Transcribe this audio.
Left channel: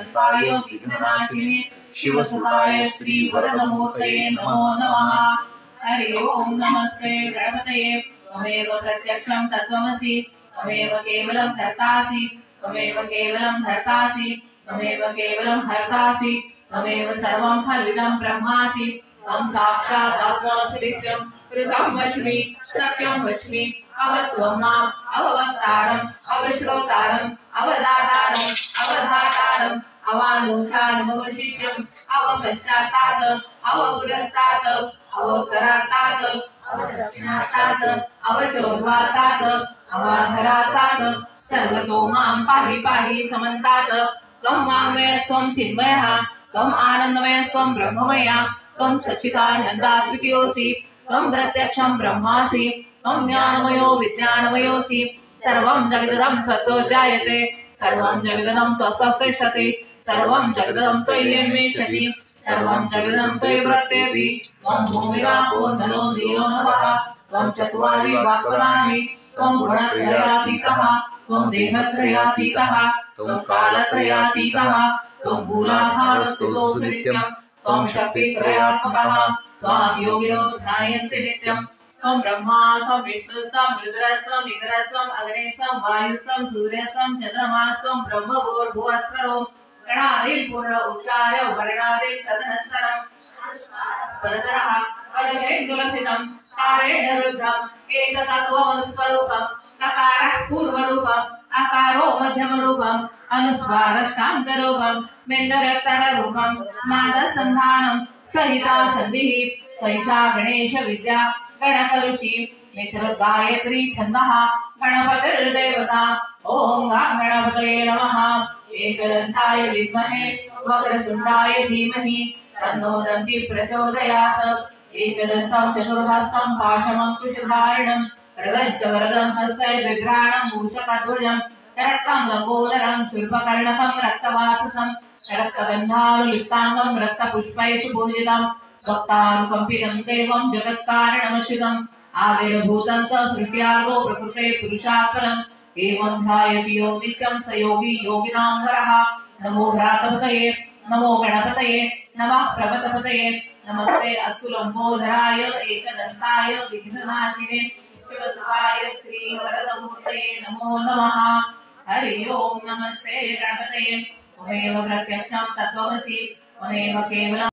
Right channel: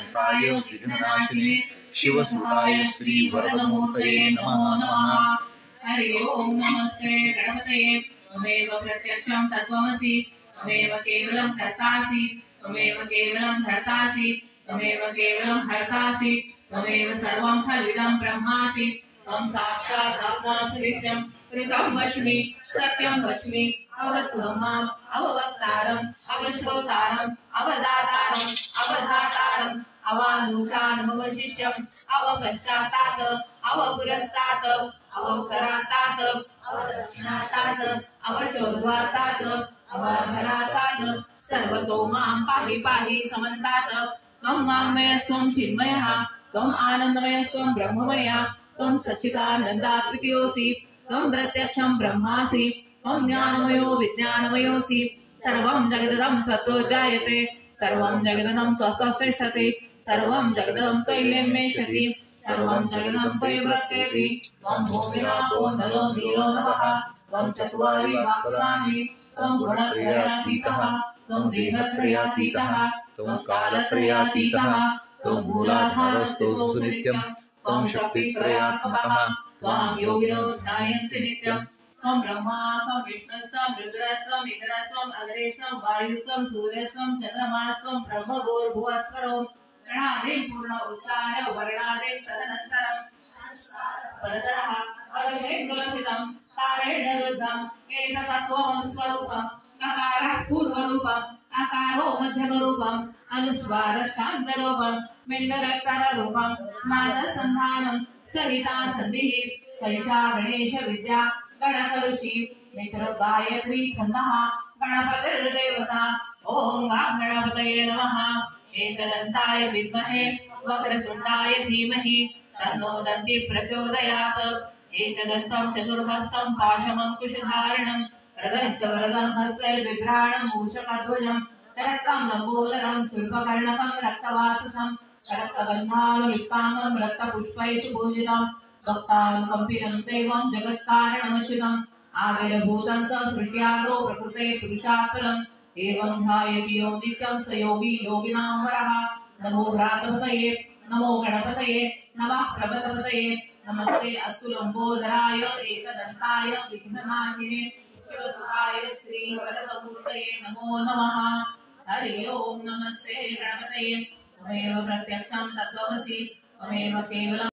एकदन्ताय विघ्ननाशिने शिवसुताय श्री वरदमूर्तये नमो नमः। हरि ओम नमस्ते गणपतये। त्वमेव प्रत्यक्षं तत्त्वमसि त्वमेव केवलं कर्तासि त्वमेव केवलं धर्तासि त्वमेव केवलं हर्तासि त्वमेव सर्वं खल्विदं ब्रह्मासि त्वं साक्षात् आत्मासि नित्यं कृतं वच्मि सत्यं वच्मि अवत्वं माम् अववक्तारम् अवश्रोतारम् अवदातारम् अवधातारम् अवानुधानमवशिष्यम् अवपश्चात्तात् अवपुरस्तात् अवकरातात् अवदक्षिणातात् अवचोर्ध्वातात् अवाधरातात् सर्वतो मां पाहि पाहि समन्तात्। त्वं वाङ्मयः त्वं चिन्मयः त्वम् आनन्दमयः त्वं ब्रह्ममयः त्वं सच्चिदानन्दात्रियोऽसि त्वं प्रत्यक्षं ब्रह्मासि त्वं ज्ञानमयो विज्ञानमयोऽसि सर्वं जगदं त्वत्तो जायते सर्वं जगदं त्वत्तस्तिष्ठति सर्वं जगदं त्वय्यन्वेष्यति सर्वं जगदं त्वयि वर्तेति। त्वं भूमिरापो नलो नीलो नभः त्वं चत्वारि वाक्पदानि त्वं गुणत्रयातीतः त्वं देहत्रयातीतः त्वं कालत्रयातीतः त्वं मूलाधारस्थितोऽसि नित्यं त्वं शक्तित्रयात्मकः त्वां योगिनो ध्यायन्ति नित्यं। त्वं ब्रह्मा त्वं विष्णुस्त्वं रुद्रस्त्वं इंद्रस्त्वं अग्निस्त्वं वायुस्त्वं सूर्यस्त्वं चन्द्रमास्त्वं ब्रह्मभूर्भुवस्वरो गणादिं पूर्ण उच्चार्य वर्णादिं तदनन्तरं परतरः परमेश्वरसितं तारेण रुद्धम् एकतत्त्वमनुस्वरूपम् ककारः पूर्वरूपम् अकारो मध्यमरूपम् अनुस्वारशान्तरूपम् मेण्डरक्तरूपम् नादसन्धानं सहिता सन्धिः सैषा गणेश विद्या गणकऋषि गायत्री छन्दः गणपतिर्देवता। ओम गणपतये नमः। एकदन्ताय विद्महे वक्रतुण्डाय धीमहि तन्नो दन्ति प्रचोदयात्। एकदन्तं चतुर्हस्तं पाशमङ्कुशधारिणं वरदं च वरदं हस्तैर्बिभ्राणं मूषकध्वजं शरक्तं लम्बोदरं शूर्पकर्णकं रक्तवाससं रक्तगन्धानुलिप्ताङ्गं रक्तपुष्पैः सुपूजितं भक्तानुकम्पितं देवं जगत्कारणमच्युतम् आविर्भूतं च सृष्ट्यार्गो प्रकृते पुरुषात्परम् एवं ध्यायति यो नित्यं स योगी योगिनां वरः। नमो भ्रातपतये नमो गणपतये नमः प्रभतपतये नमस्ते अस्तु लंबोदराय एकदन्ताय विघ्ननाशिने शिवसुताय श्री वरदमूर्तये नमो नमः। हरि ओम नमस्ते गणपतये। त्वमेव प्रत्यक्षं तत्त्वमसि त्वमेव केवलं